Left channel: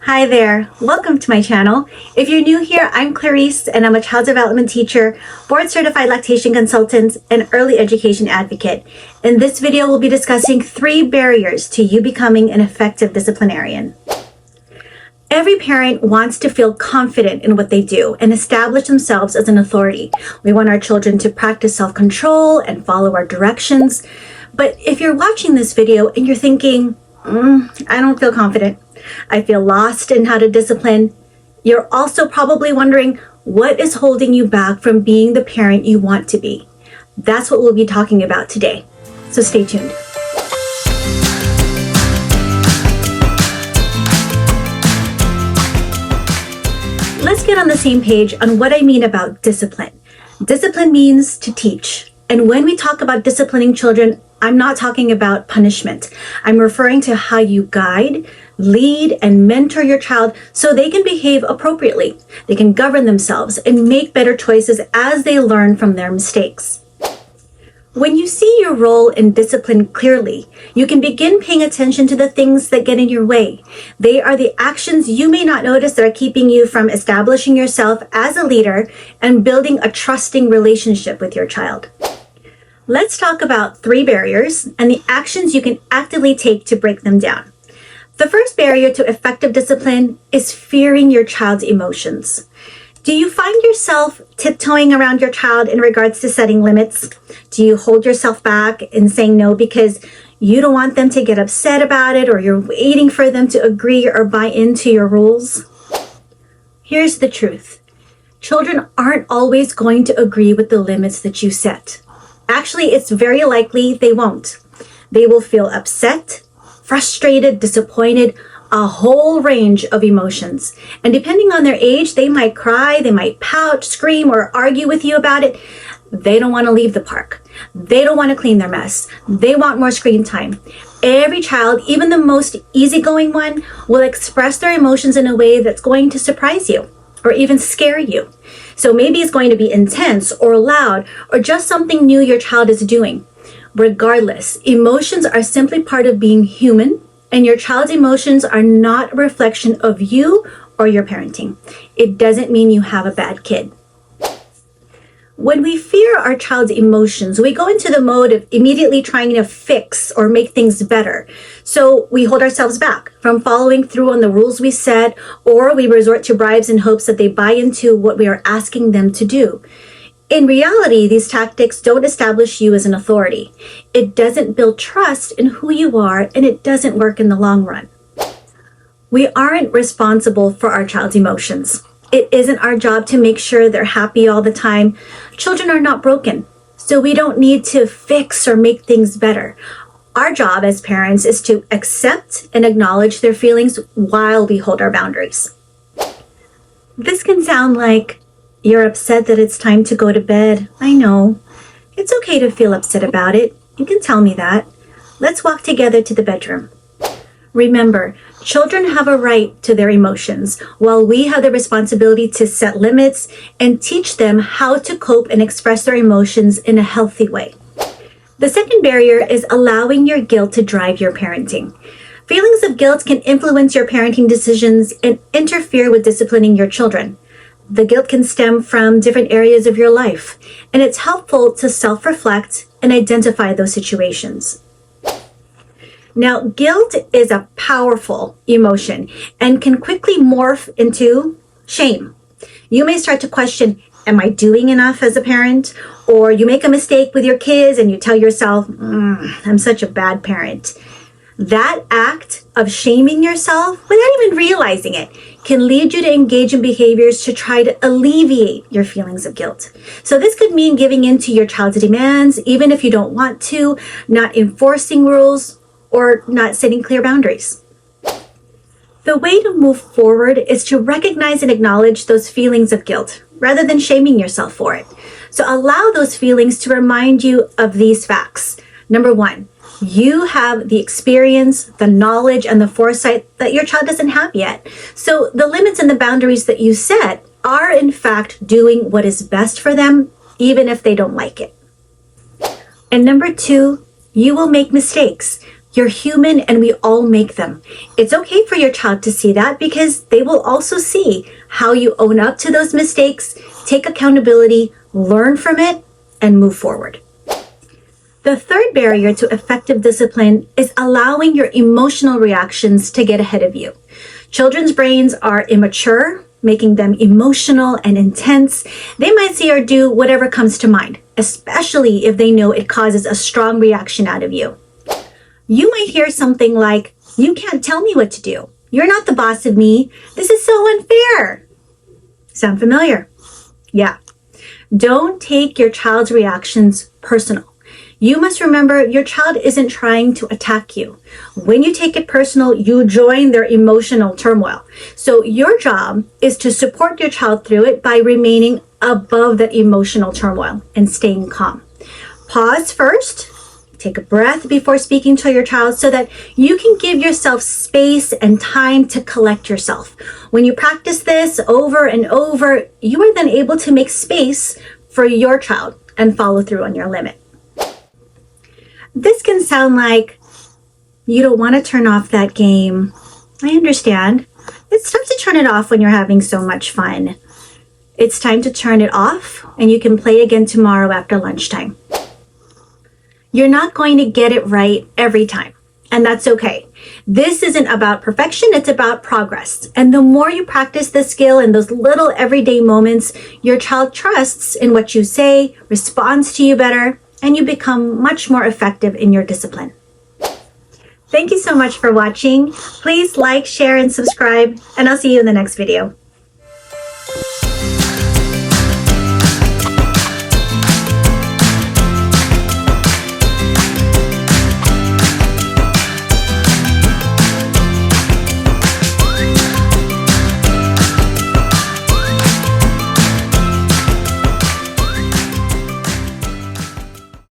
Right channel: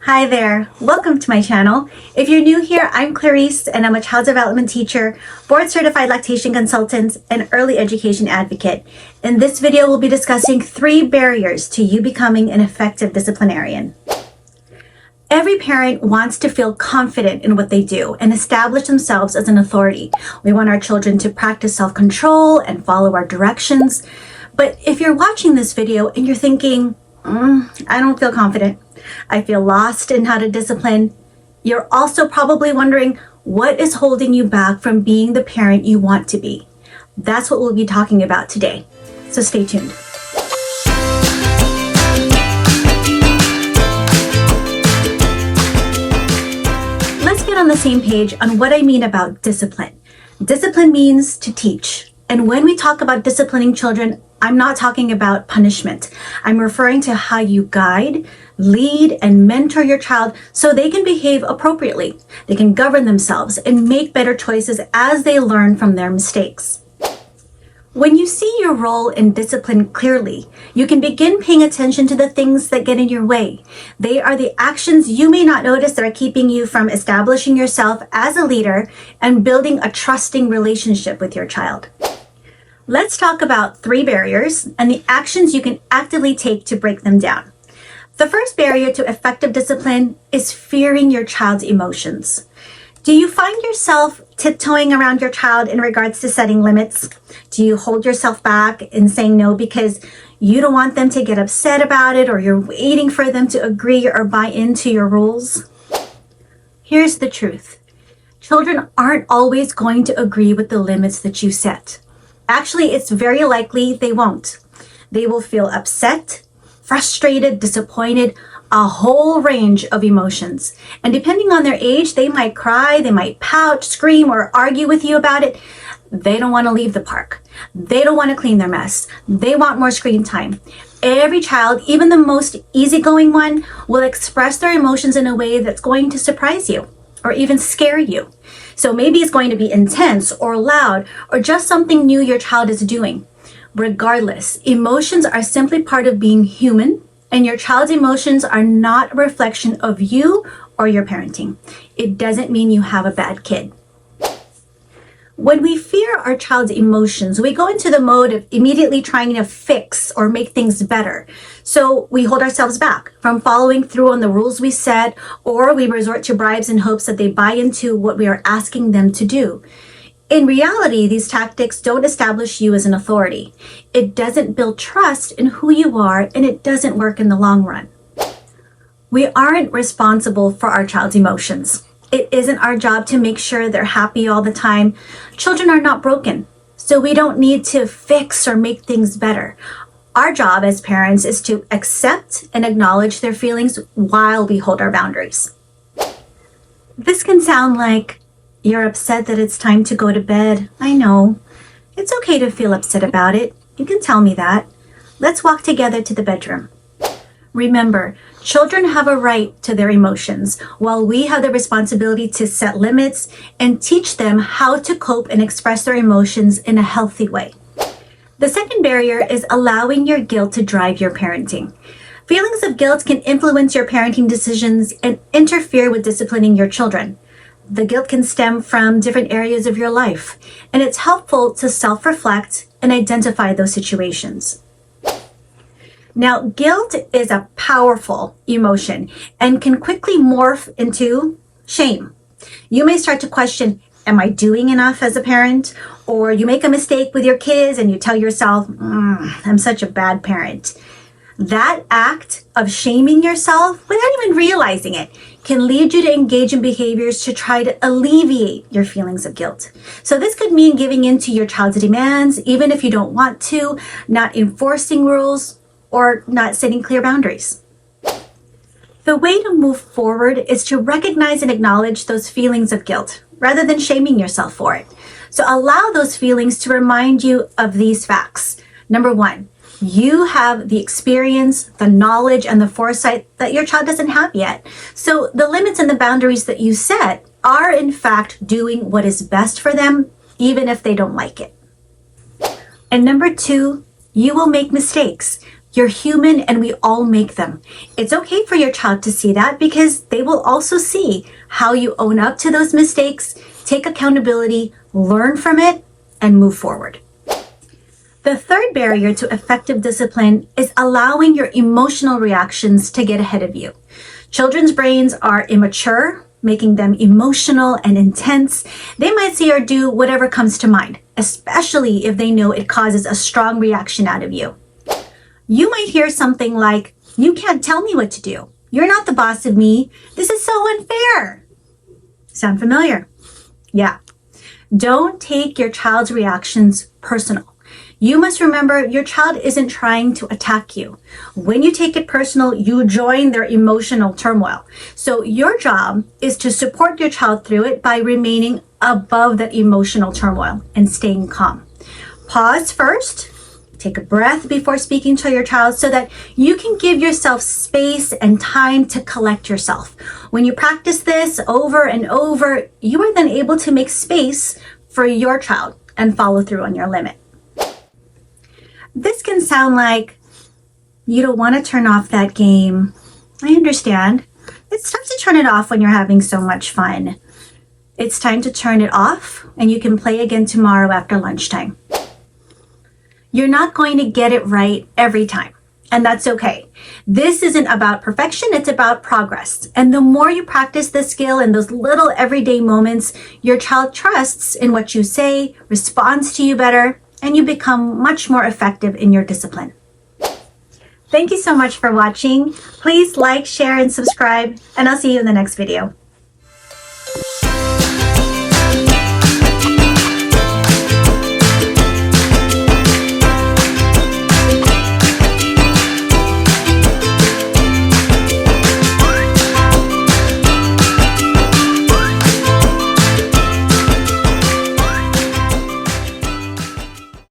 Hi there, welcome to my channel. If you're new here, I'm Clarice and I'm a child development teacher, board-certified lactation consultant, and early education advocate. In this video, we'll be discussing 3 barriers to you becoming an effective disciplinarian. Every parent wants to feel confident in what they do and establish themselves as an authority. We want our children to practice self-control and follow our directions. But if you're watching this video and you're thinking, I don't feel confident, I feel lost in how to discipline, you're also probably wondering what is holding you back from being the parent you want to be. That's what we'll be talking about today. So stay tuned. Let's get on the same page on what I mean about discipline. Discipline means to teach. And when we talk about disciplining children, I'm not talking about punishment. I'm referring to how you guide, lead, and mentor your child so they can behave appropriately. They can govern themselves and make better choices as they learn from their mistakes. When you see your role in discipline clearly, you can begin paying attention to the things that get in your way. They are the actions you may not notice that are keeping you from establishing yourself as a leader and building a trusting relationship with your child. Let's talk about 3 barriers and the actions you can actively take to break them down. The first barrier to effective discipline is fearing your child's emotions. Do you find yourself tiptoeing around your child in regards to setting limits? Do you hold yourself back in saying no because you don't want them to get upset about it, or you're waiting for them to agree or buy into your rules? Here's the truth. Children aren't always going to agree with the limits that you set. Actually, it's very likely they won't. They will feel upset, frustrated, disappointed, a whole range of emotions. And depending on their age, they might cry, they might pout, scream, or argue with you about it. They don't want to leave the park. They don't want to clean their mess. They want more screen time. Every child, even the most easygoing one, will express their emotions in a way that's going to surprise you or even scare you. So maybe it's going to be intense or loud or just something new your child is doing. Regardless, emotions are simply part of being human, and your child's emotions are not a reflection of you or your parenting. It doesn't mean you have a bad kid. When we fear our child's emotions, we go into the mode of immediately trying to fix or make things better. So we hold ourselves back from following through on the rules we set, or we resort to bribes in hopes that they buy into what we are asking them to do. In reality, these tactics don't establish you as an authority. It doesn't build trust in who you are, and it doesn't work in the long run. We aren't responsible for our child's emotions. It isn't our job to make sure they're happy all the time. Children are not broken, so we don't need to fix or make things better. Our job as parents is to accept and acknowledge their feelings while we hold our boundaries. This can sound like, you're upset that it's time to go to bed. I know. It's okay to feel upset about it. You can tell me that. Let's walk together to the bedroom. Remember, children have a right to their emotions, while we have the responsibility to set limits and teach them how to cope and express their emotions in a healthy way. The second barrier is allowing your guilt to drive your parenting. Feelings of guilt can influence your parenting decisions and interfere with disciplining your children. The guilt can stem from different areas of your life, and it's helpful to self-reflect and identify those situations. Now, guilt is a powerful emotion and can quickly morph into shame. You may start to question, am I doing enough as a parent? Or you make a mistake with your kids and you tell yourself, I'm such a bad parent. That act of shaming yourself without even realizing it can lead you to engage in behaviors to try to alleviate your feelings of guilt. So this could mean giving in to your child's demands, even if you don't want to, not enforcing rules, or not setting clear boundaries. The way to move forward is to recognize and acknowledge those feelings of guilt rather than shaming yourself for it. So allow those feelings to remind you of these facts. Number 1, you have the experience, the knowledge, and the foresight that your child doesn't have yet. So the limits and the boundaries that you set are in fact doing what is best for them, even if they don't like it. And number 2, you will make mistakes. You're human and we all make them. It's okay for your child to see that because they will also see how you own up to those mistakes, take accountability, learn from it, and move forward. The third barrier to effective discipline is allowing your emotional reactions to get ahead of you. Children's brains are immature, making them emotional and intense. They might say or do whatever comes to mind, especially if they know it causes a strong reaction out of you. You might hear something like, "You can't tell me what to do. You're not the boss of me. This is so unfair." Sound familiar? Yeah. Don't take your child's reactions personal. You must remember your child isn't trying to attack you. When you take it personal, you join their emotional turmoil. So your job is to support your child through it by remaining above that emotional turmoil and staying calm. Pause first. Take a breath before speaking to your child so that you can give yourself space and time to collect yourself. When you practice this over and over, you are then able to make space for your child and follow through on your limit. This can sound like you don't want to turn off that game. I understand. It's tough to turn it off when you're having so much fun. It's time to turn it off and you can play again tomorrow after lunchtime. You're not going to get it right every time, and that's okay. This isn't about perfection, it's about progress. And the more you practice this skill in those little everyday moments, your child trusts in what you say, responds to you better, and you become much more effective in your discipline. Thank you so much for watching. Please like, share, and subscribe, and I'll see you in the next video.